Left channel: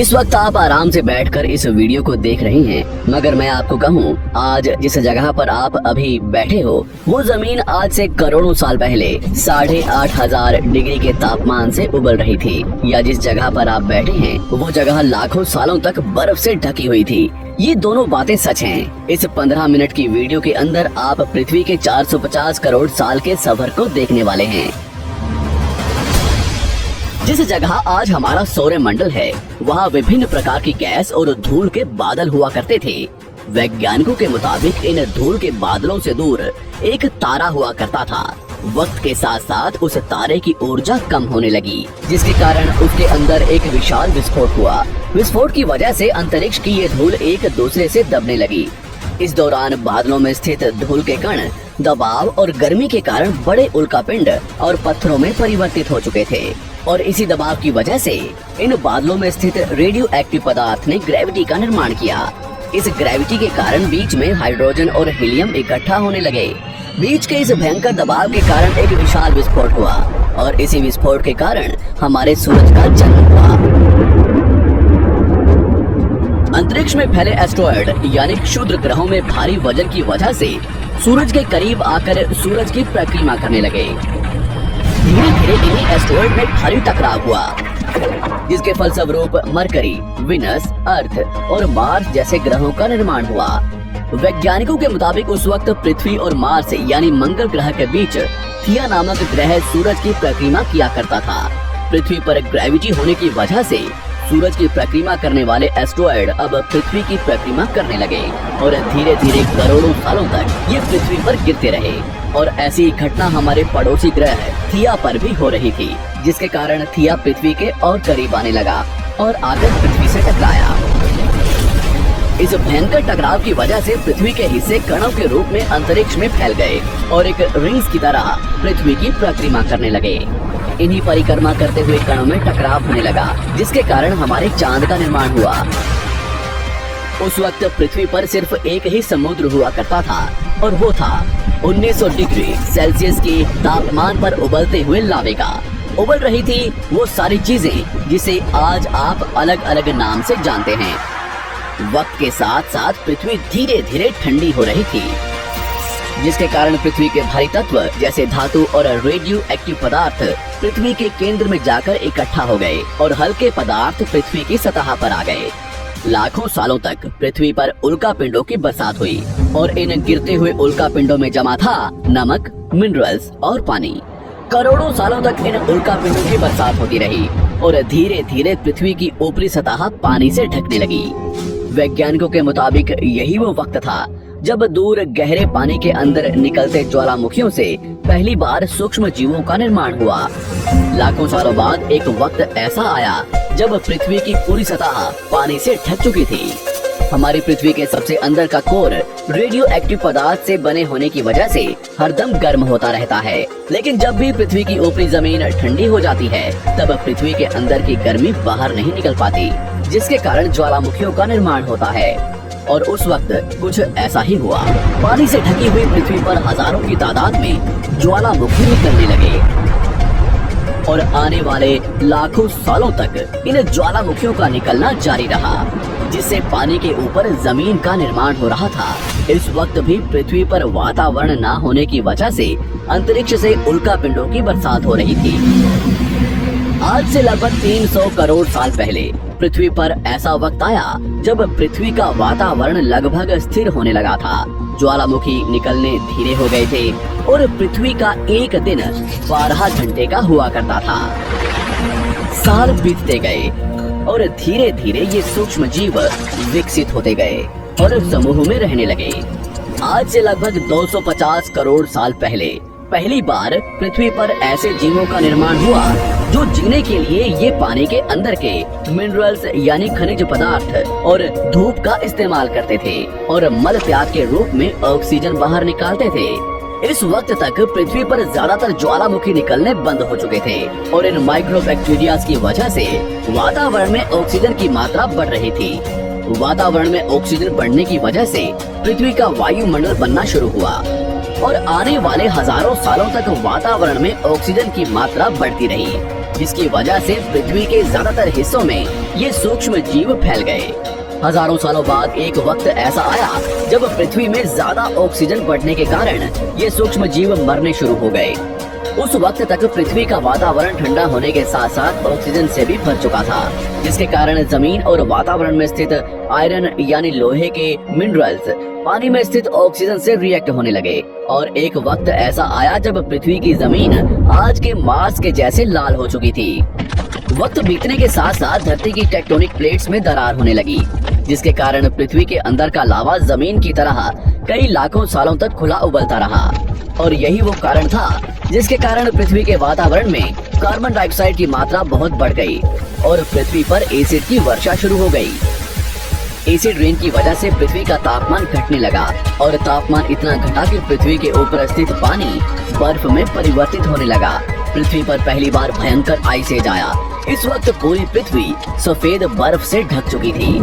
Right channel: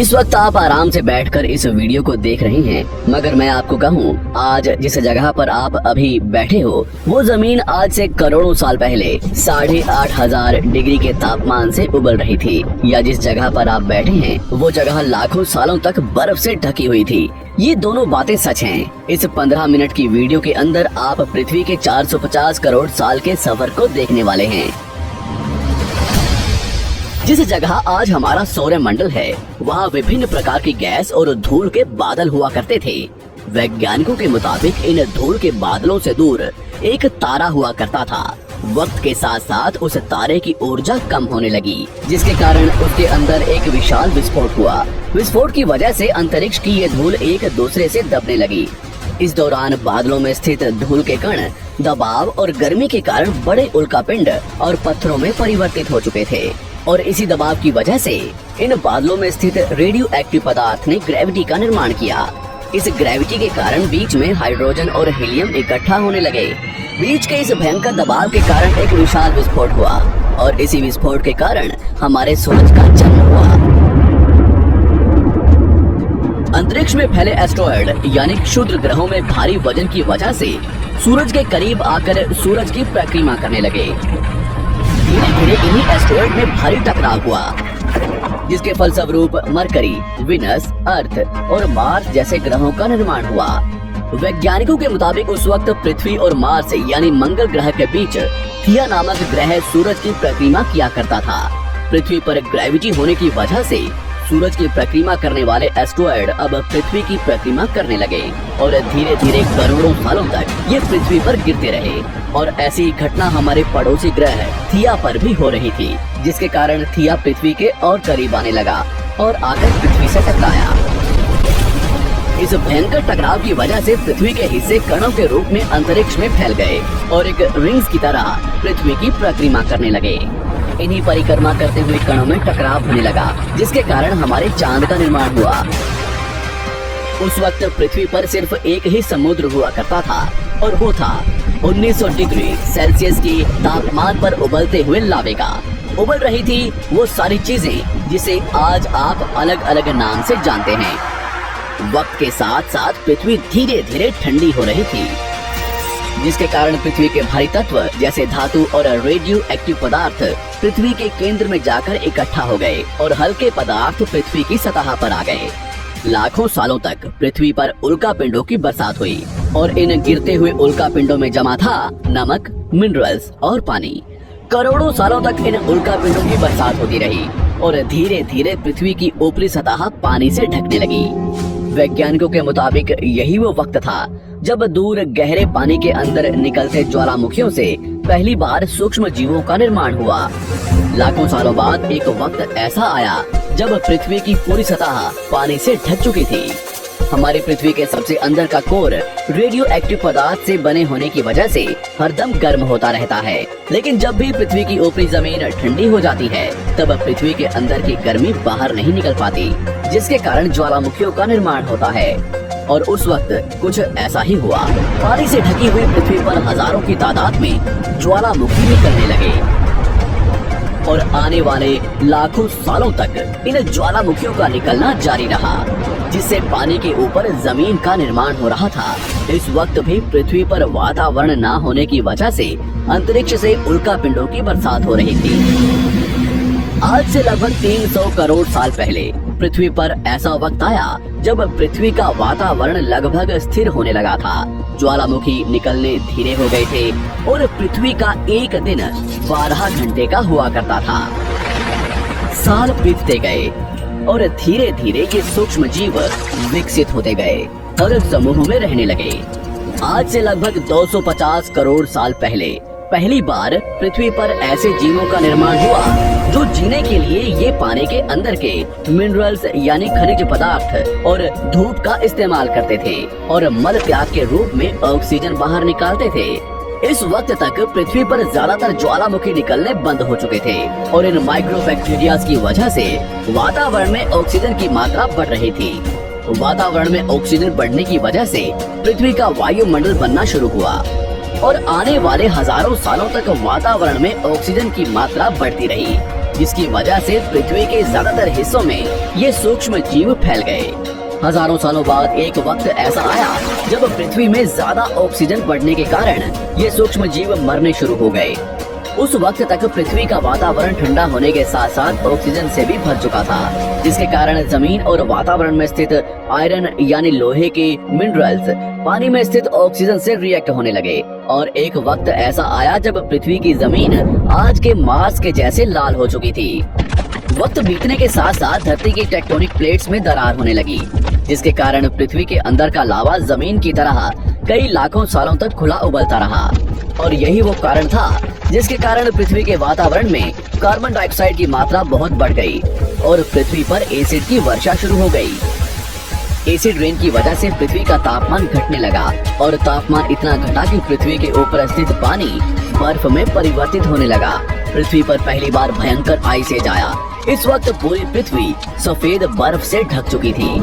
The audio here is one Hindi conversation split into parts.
इस वक्त आप आराम से बैठकर इस वीडियो को देख रहे हैं, मगर मैं आपको कहूँ, आज जिस जगह पर आप अभी बैठे हो वो जमीन आज से करोड़ों साल पहले 8,500 डिग्री के तापमान से उबल रही थी, या जिस जगह पर आप बैठे हैं वो जगह लाखों सालों तक बर्फ से ढकी हुई थी। ये दोनों बातें सच हैं। इस 15 मिनट की वीडियो के अंदर आप पृथ्वी के 450 करोड़ साल के सफर को देखने वाले हैं। जिस जगह आज हमारा सौरमंडल है वहाँ विभिन्न प्रकार की गैस और धूल के बादल हुआ करते थे। वैज्ञानिकों के मुताबिक इन धूल के बादलों से दूर एक तारा हुआ करता था। वक्त के साथ साथ उस तारे की ऊर्जा कम होने लगी, जिसके कारण उसके अंदर एक विशाल विस्फोट हुआ। विस्फोट की वजह से अंतरिक्ष की ये धूल एक दूसरे से दबने लगी। इस दौरान बादलों में स्थित धूल के कण दबाव और गर्मी के कारण बड़े उल्कापिंड और पत्थरों में परिवर्तित हो चुके थे, और इसी दबाव की वजह से इन बादलों में स्थित रेडियो एक्टिव पदार्थ ने ग्रेविटी का निर्माण किया। इस ग्रेविटी के कारण बीच में हाइड्रोजन और हीलियम इकट्ठा होने लगे। बीच के इस भयंकर दबाव के कारण एक विशाल विस्फोट हुआ, और इसी विस्फोट के कारण हमारे सूरज का जन्म हुआ। अंतरिक्ष में फैले एस्ट्रॉयड यानी क्षुद्र ग्रहों में भारी वजन की वजह से सूरज के करीब आकर सूरज की परिक्रमा करने लगे। धीरे धीरे इन्हीं एस्ट्रॉयड में भारी टकराव हुआ, जिसके फलस्वरूप मरकरी, विनस, अर्थ और मार्स जैसे ग्रहों का निर्माण हुआ। वैज्ञानिकों के मुताबिक उस वक्त पृथ्वी और मार्स यानी मंगल ग्रह के बीच थिया नामक ग्रह सूरज की परिक्रमा किया करता था। पृथ्वी पर ग्रेविटी होने की वजह से सूरज की परिक्रमा करने वाले एस्ट्रॉयड अब पृथ्वी की परिक्रमा करने लगे, और धीरे धीरे करोड़ों सालों तक ये पृथ्वी पर गिरते रहे। और ऐसी घटना हमारे पड़ोसी ग्रह थिया पर भी हो रही थी, जिसके कारण थिया पृथ्वी के और करीब आने लगा और आकर पृथ्वी से टकराया। इस भयंकर टकराव की वजह से पृथ्वी के हिस्से कणों के रूप में अंतरिक्ष में फैल गए और एक रिंग्स की तरह पृथ्वी की परिक्रमा करने लगे। इन्हीं परिक्रमा करते हुए कणों में टकराव होने लगा, जिसके कारण हमारे चांद का निर्माण हुआ। उस वक्त पृथ्वी पर सिर्फ एक ही समुद्र हुआ करता था, और वो था 1900 डिग्री सेल्सियस की तापमान पर उबलते हुए लावे का। उबल रही थी वो सारी चीजें जिसे आज आप अलग अलग नाम से जानते हैं। वक्त के साथ साथ पृथ्वी धीरे धीरे ठंडी हो रही थी, जिसके कारण पृथ्वी के भारी तत्व जैसे धातु और रेडियो एक्टिव पदार्थ पृथ्वी के केंद्र में जाकर इकट्ठा हो गए, और हल्के पदार्थ पृथ्वी की सतह पर आ गए। लाखों सालों तक पृथ्वी पर उल्कापिंडों की बरसात हुई, और इन गिरते हुए उल्कापिंडों में जमा था नमक, मिनरल्स और पानी। करोड़ों सालों तक इन उल्कापिंडों की बरसात होती रही, और धीरे धीरे पृथ्वी की ऊपरी सतह पानी से ढकने लगी। वैज्ञानिकों के मुताबिक यही वो वक्त था जब दूर गहरे पानी के अंदर निकलते ज्वालामुखियों से पहली बार सूक्ष्म जीवों का निर्माण हुआ। लाखों सालों बाद एक वक्त ऐसा आया जब पृथ्वी की पूरी सतह पानी से ढक चुकी थी। हमारी पृथ्वी के सबसे अंदर का कोर रेडियो एक्टिव पदार्थ से बने होने की वजह से हरदम गर्म होता रहता है, लेकिन जब भी पृथ्वी की ऊपरी जमीन ठंडी हो जाती है तब पृथ्वी के अंदर की गर्मी बाहर नहीं निकल पाती, जिसके कारण ज्वालामुखियों का निर्माण होता है। और उस वक्त कुछ ऐसा ही हुआ। पानी से ढकी हुई पृथ्वी पर हजारों की तादाद में ज्वालामुखी निकलने लगे, और आने वाले लाखों सालों तक इन ज्वालामुखियों का निकलना जारी रहा, जिससे पानी के ऊपर जमीन का निर्माण हो रहा था। इस वक्त भी पृथ्वी पर वातावरण न होने की वजह से अंतरिक्ष से उल्कापिंडों की बरसात हो रही थी। आज से लगभग 300 करोड़ साल पहले पृथ्वी पर ऐसा वक्त आया जब पृथ्वी का वातावरण लगभग स्थिर होने लगा था। ज्वालामुखी निकलने धीरे हो गए थे, और पृथ्वी का एक दिन 12 घंटे का हुआ करता था। साल बीतते गए, और धीरे धीरे ये सूक्ष्म जीव विकसित होते गए और समूह में रहने लगे। आज से लगभग 250 करोड़ साल पहले पहली बार पृथ्वी पर ऐसे जीवों का निर्माण हुआ जो जीने के लिए ये पानी के अंदर के मिनरल्स यानी खनिज पदार्थ और धूप का इस्तेमाल करते थे, और मल त्याग के रूप में ऑक्सीजन बाहर निकालते थे। इस वक्त तक पृथ्वी पर ज्यादातर ज्वालामुखी निकलने बंद हो चुके थे, और इन माइक्रोबैक्टीरिया की वजह से वातावरण में ऑक्सीजन की मात्रा बढ़ रही थी। वातावरण में ऑक्सीजन बढ़ने की वजह से पृथ्वी का वायुमंडल बनना शुरू हुआ, और आने वाले हजारों सालों तक वातावरण में ऑक्सीजन की मात्रा बढ़ती रही। जिसकी वजह से पृथ्वी के ज्यादातर हिस्सों में ये सूक्ष्म जीव फैल गए। हजारों सालों बाद एक वक्त ऐसा आया जब पृथ्वी में ज्यादा ऑक्सीजन बढ़ने के कारण ये सूक्ष्म जीव मरने शुरू हो गए। उस वक्त तक पृथ्वी का वातावरण ठंडा होने के साथ साथ ऑक्सीजन से भी भर चुका था, जिसके कारण जमीन और वातावरण में स्थित आयरन यानी लोहे के मिनरल्स पानी में स्थित ऑक्सीजन से रिएक्ट होने लगे। और एक वक्त ऐसा आया जब पृथ्वी की जमीन आज के मार्स के जैसे लाल हो चुकी थी। वक्त बीतने के साथ साथ धरती की टेक्टोनिक प्लेट्स में दरार होने लगी, जिसके कारण पृथ्वी के अंदर का लावा जमीन की तरह कई लाखों सालों तक खुला उबलता रहा। और यही वो कारण था जिसके कारण पृथ्वी के वातावरण में कार्बन डाइऑक्साइड की मात्रा बहुत बढ़ गई और पृथ्वी पर एसिड की वर्षा शुरू हो गई। एसिड रेन की वजह से पृथ्वी का तापमान घटने लगा और तापमान इतना घटा कि पृथ्वी के ऊपर स्थित पानी बर्फ में परिवर्तित होने लगा। पृथ्वी पर पहली बार भयंकर आइस एज आया। इस वक्त पूरी पृथ्वी सफेद बर्फ से ढक चुकी थी।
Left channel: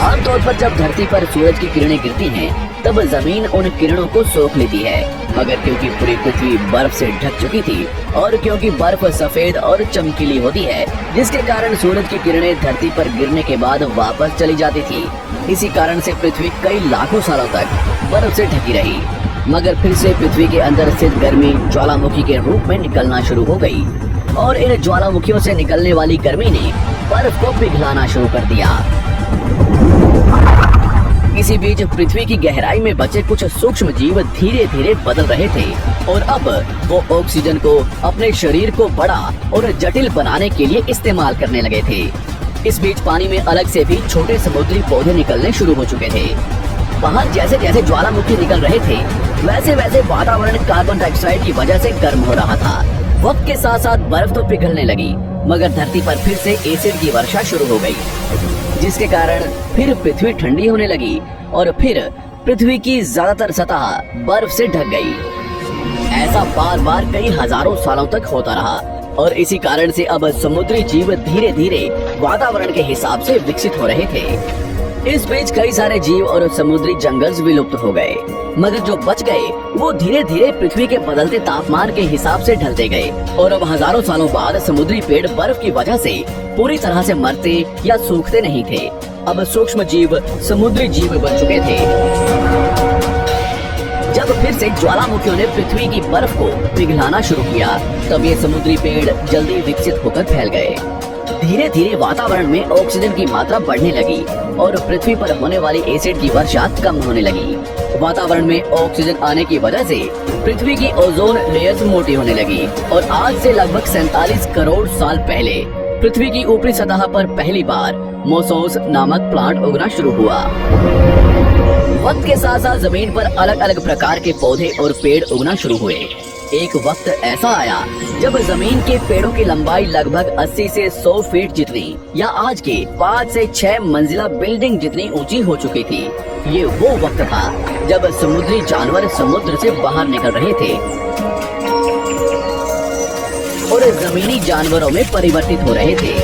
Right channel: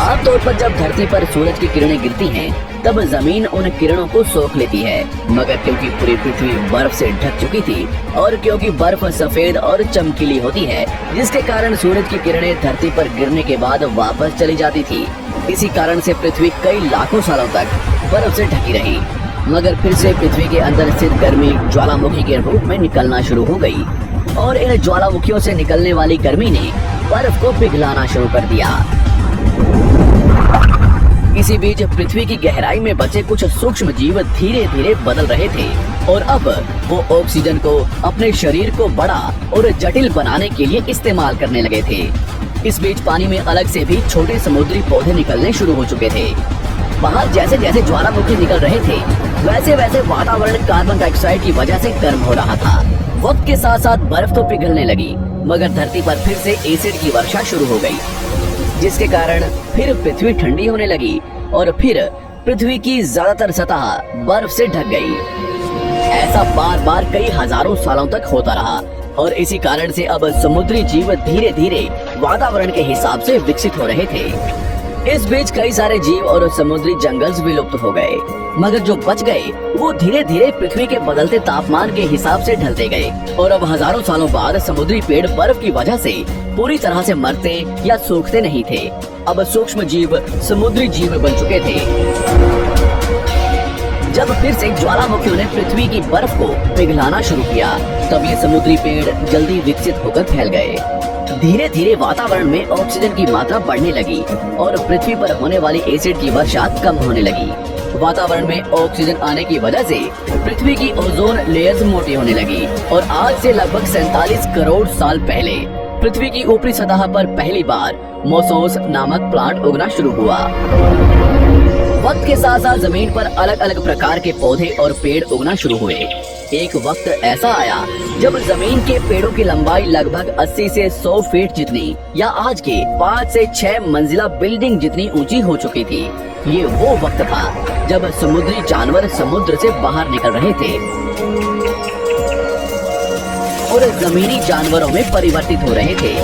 आमतौर पर जब धरती पर सूरज की किरणें गिरती हैं, तब जमीन उन किरणों को सोख लेती है, मगर क्योंकि पूरी पृथ्वी बर्फ से ढक चुकी थी और क्योंकि बर्फ सफेद और चमकीली होती है, जिसके कारण सूरज की किरणें धरती पर गिरने के बाद वापस चली जाती थी। इसी कारण से पृथ्वी कई लाखों सालों तक बर्फ से ढकी रही, मगर फिर से पृथ्वी के अंदर स्थित गर्मी ज्वालामुखी के रूप में निकलना शुरू हो गई और इन ज्वालामुखियों से निकलने वाली गर्मी ने बर्फ को पिघलाना शुरू कर दिया। इसी बीच पृथ्वी की गहराई में बचे कुछ सूक्ष्म जीव धीरे धीरे बदल रहे थे और अब वो ऑक्सीजन को अपने शरीर को बड़ा और जटिल बनाने के लिए इस्तेमाल करने लगे थे। इस बीच पानी में अलग से भी छोटे समुद्री पौधे निकलने शुरू हो चुके थे। बाहर जैसे जैसे ज्वालामुखी निकल रहे थे, वैसे वैसे वातावरण कार्बन डाइऑक्साइड की वजह से गर्म हो रहा था। वक्त के साथ साथ बर्फ तो पिघलने लगी, मगर धरती पर फिर से एसिड की वर्षा शुरू हो गई, जिसके कारण फिर पृथ्वी ठंडी होने लगी और फिर पृथ्वी की ज्यादातर सतह बर्फ से ढक गई। ऐसा बार बार कई हजारों सालों तक होता रहा और इसी कारण से अब समुद्री जीव धीरे धीरे वातावरण के हिसाब से विकसित हो रहे थे। इस बीच कई सारे जीव और समुद्री जंगल विलुप्त हो गए, मगर जो बच गए वो धीरे धीरे पृथ्वी के बदलते तापमान के हिसाब से ढलते गए और अब हजारों सालों बाद समुद्री पेड़ बर्फ की वजह से पूरी तरह से मरते या सूखते नहीं थे। अब सूक्ष्म जीव समुद्री जीव बन चुके थे। जब फिर से ज्वालामुखियों ने पृथ्वी की बर्फ को पिघलाना शुरू किया, तब ये समुद्री पेड़ जल्दी विकसित होकर फैल गए। धीरे धीरे वातावरण में ऑक्सीजन की मात्रा बढ़ने लगी और पृथ्वी पर होने वाली एसिड की वर्षा कम होने लगी। वातावरण में ऑक्सीजन आने की वजह से पृथ्वी की ओजोन लेयर्स मोटी होने लगी और आज से लगभग 47 करोड़ साल पहले पृथ्वी की ऊपरी सतह पर पहली बार मोसोस नामक प्लांट उगना शुरू हुआ। वक्त के साथ साथ जमीन पर अलग अलग प्रकार के पौधे और पेड़ उगना शुरू हुए। एक वक्त ऐसा आया जब जमीन के पेड़ों की लंबाई लगभग 80 से 100 फीट जितनी या आज के 5 से 6 मंजिला बिल्डिंग जितनी ऊंची हो चुकी थी। ये वो वक्त था जब समुद्री जानवर समुद्र से बाहर निकल रहे थे और जमीनी जानवरों में परिवर्तित हो रहे थे।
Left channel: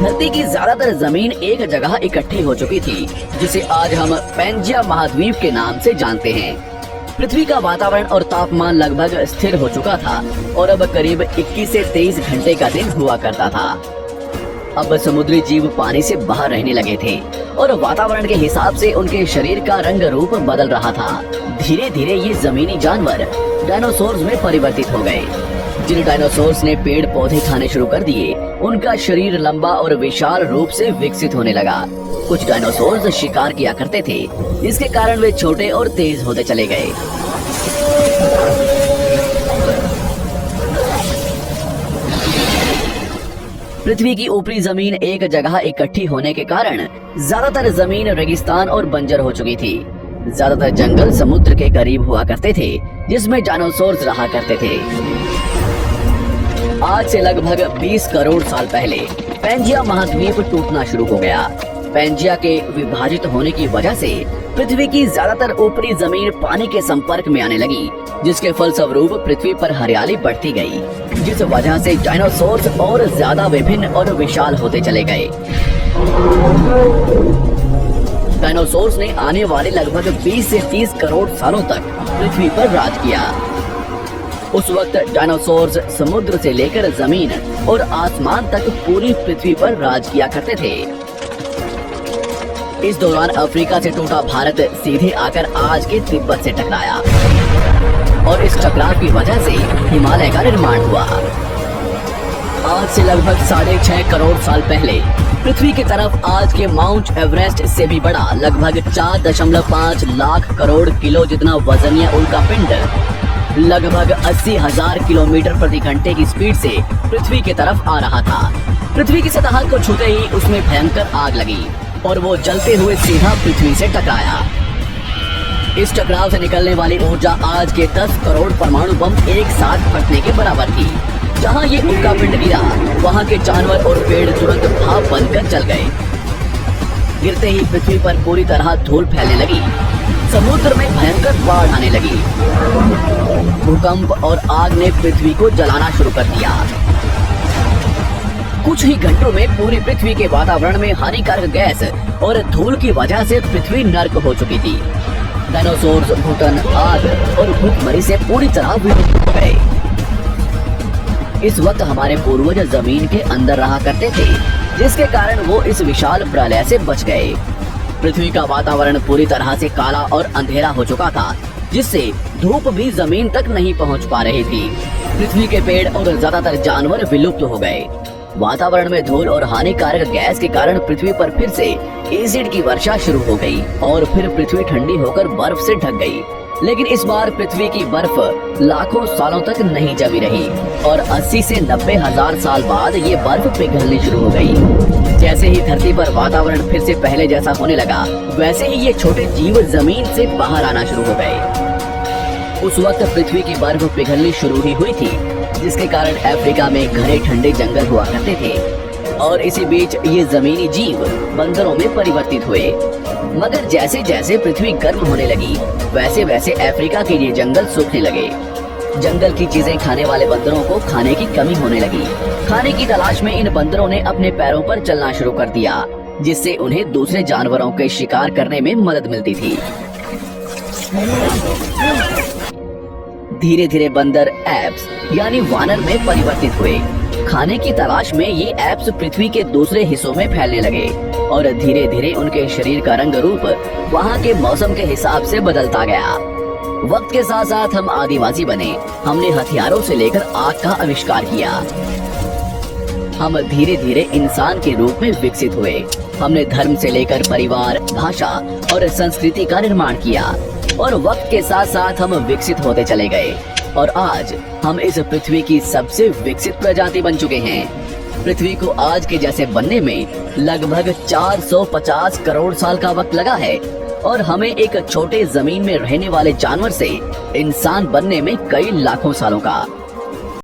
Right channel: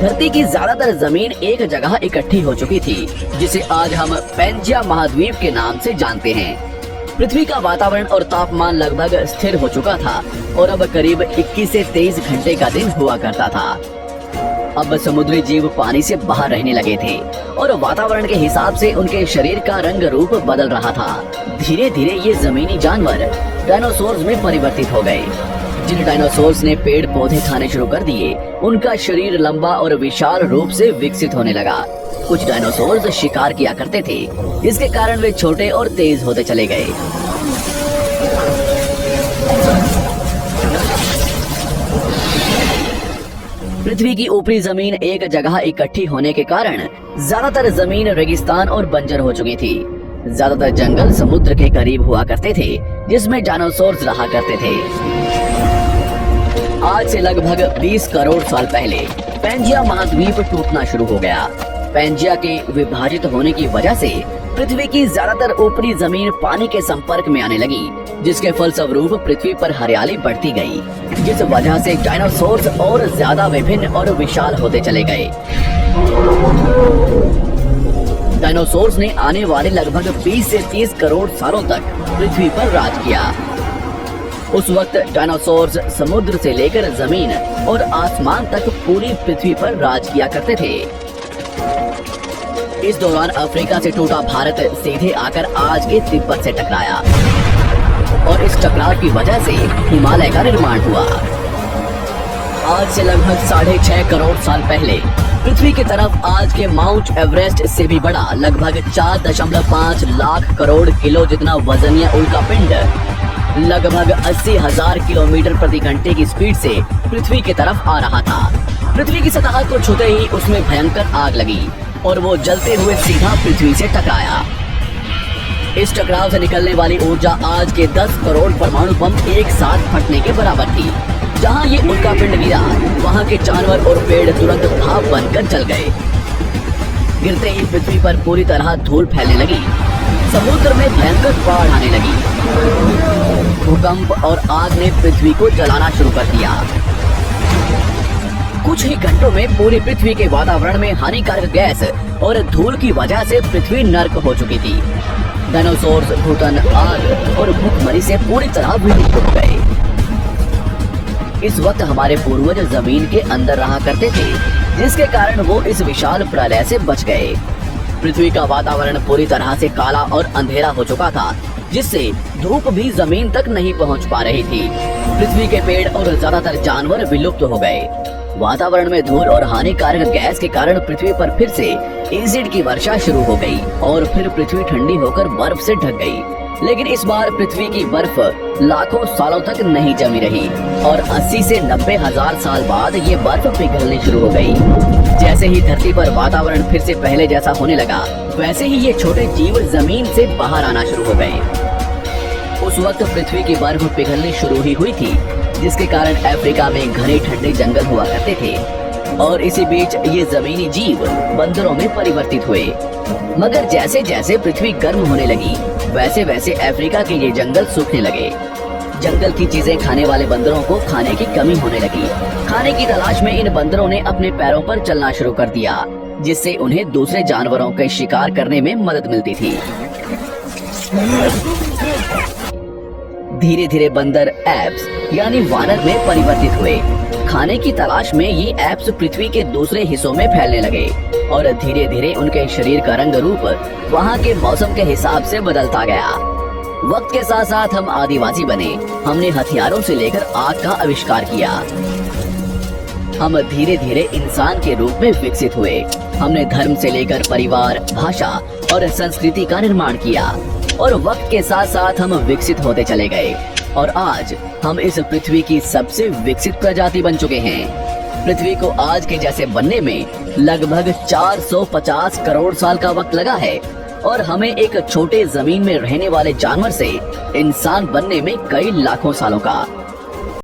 धरती की ज्यादातर जमीन एक जगह इकट्ठी हो चुकी थी, जिसे आज हम पैंजिया महाद्वीप के नाम से जानते हैं। पृथ्वी का वातावरण और तापमान लगभग स्थिर हो चुका था और अब करीब 21 से 23 घंटे का दिन हुआ करता था। अब समुद्री जीव पानी से बाहर रहने लगे थे और वातावरण के हिसाब से उनके शरीर का रंग रूप बदल रहा था। धीरे धीरे ये जमीनी जानवर डायनासोर्स में परिवर्तित हो गए। जिन डायनासोर्स ने पेड़ पौधे खाने शुरू कर दिए, उनका शरीर लंबा और विशाल रूप से विकसित होने लगा। कुछ डायनासोर्स शिकार किया करते थे, जिसके कारण वे छोटे और तेज होते चले गए। पृथ्वी की ऊपरी जमीन एक जगह इकट्ठी होने के कारण ज्यादातर जमीन रेगिस्तान और बंजर हो चुकी थी। ज्यादातर जंगल समुद्र के करीब हुआ करते थे, जिसमें डायनासोर्स रहा करते थे। आज से लगभग 20 करोड़ साल पहले पैंजिया महाद्वीप टूटना शुरू हो गया। पैंजिया के विभाजित होने की वजह से पृथ्वी की ज्यादातर ऊपरी जमीन पानी के संपर्क में आने लगी, जिसके फलस्वरूप पृथ्वी पर हरियाली बढ़ती गई, जिस वजह से डायनासोर्स और ज्यादा विभिन्न और विशाल होते चले गए। डायनासोर्स ने आने वाले लगभग 20 से 30 करोड़ सालों तक पृथ्वी पर राज किया। उस वक्त डायनासोर्स समुद्र से लेकर जमीन और आसमान तक पूरी पृथ्वी पर राज किया करते थे। इस दौरान अफ्रीका से टूटा भारत सीधे आकर आज के तिब्बत से टकराया और इस टकराव की वजह से हिमालय का निर्माण हुआ। आज से लगभग 6.5 करोड़ साल पहले पृथ्वी की तरफ आज के माउंट एवरेस्ट से भी बड़ा लगभग 4.5 लाख करोड़ किलो जितना वजनिया उल्का पिंड लगभग 80,000 किलोमीटर प्रति घंटे की स्पीड से पृथ्वी की तरफ आ रहा था। पृथ्वी की सतह को छूते ही उसमें भयंकर आग लगी और वो जलते हुए सीधा पृथ्वी से टकराया। इस टकराव से निकलने वाली ऊर्जा आज के 10 करोड़ परमाणु बम एक साथ फटने के बराबर थी। जहां ये उल्का पिंड गिरा वहां के जानवर और पेड़ तुरंत भाप बनकर जल गए। गिरते ही पृथ्वी पर पूरी तरह धूल फैलने लगी। समुद्र में भयंकर बाढ़ आने लगी। भूकंप और आग ने पृथ्वी को जलाना शुरू कर दिया। कुछ ही घंटों में पूरी पृथ्वी के वातावरण में हानिकारक गैस और धूल की वजह से पृथ्वी नर्क हो चुकी थी। डायनासोर्स, भूतन, आग और भूखमरी से पूरी तरह विलुप्त हो गए। इस वक्त हमारे पूर्वज जमीन के अंदर रहा करते थे, जिसके कारण वो इस विशाल प्रलय से बच गए। पृथ्वी का वातावरण पूरी तरह से काला और अंधेरा हो चुका था, जिससे धूप भी जमीन तक नहीं पहुंच पा रही थी। पृथ्वी के पेड़ और ज्यादातर जानवर विलुप्त हो गए। वातावरण में धूल और हानिकारक गैस के कारण पृथ्वी पर फिर से एसिड की वर्षा शुरू हो गई और फिर पृथ्वी ठंडी होकर बर्फ से ढक गई। लेकिन इस बार पृथ्वी की बर्फ लाखों सालों तक नहीं जमी रही और 80 से 90 हजार साल बाद ये बर्फ पिघलनी शुरू हो गई। जैसे ही धरती पर वातावरण फिर से पहले जैसा होने लगा, वैसे ही ये छोटे जीव जमीन से बाहर आना शुरू हो गए। उस वक्त पृथ्वी की बर्फ पिघलनी शुरू ही हुई थी, जिसके कारण अफ्रीका में घने ठंडे जंगल हुआ करते थे और इसी बीच ये जमीनी जीव बंदरों में परिवर्तित हुए। मगर जैसे जैसे पृथ्वी गर्म होने लगी, वैसे वैसे अफ्रीका के ये जंगल सूखने लगे। जंगल की चीजें खाने वाले बंदरों को खाने की कमी होने लगी। खाने की तलाश में इन बंदरों ने अपने पैरों पर चलना शुरू कर दिया, जिससे उन्हें दूसरे जानवरों के शिकार करने में मदद मिलती थी। धीरे धीरे बंदर एप्स यानी वानर में परिवर्तित हुए। खाने की तलाश में ये एप्स पृथ्वी के दूसरे हिस्सों में फैलने लगे और धीरे धीरे उनके शरीर का रंग रूप वहाँ के मौसम के हिसाब से बदलता गया। वक्त के साथ साथ हम आदिवासी बने। हमने हथियारों से लेकर आग का आविष्कार किया। हम धीरे धीरे इंसान के रूप में विकसित हुए। हमने धर्म से लेकर परिवार, भाषा और संस्कृति का निर्माण किया और वक्त के साथ साथ हम विकसित होते चले गए और आज हम इस पृथ्वी की सबसे विकसित प्रजाति बन चुके हैं। पृथ्वी को आज के जैसे बनने में लगभग 450 करोड़ साल का वक्त लगा है और हमें एक छोटे जमीन में रहने वाले जानवर से इंसान बनने में कई लाखों सालों का।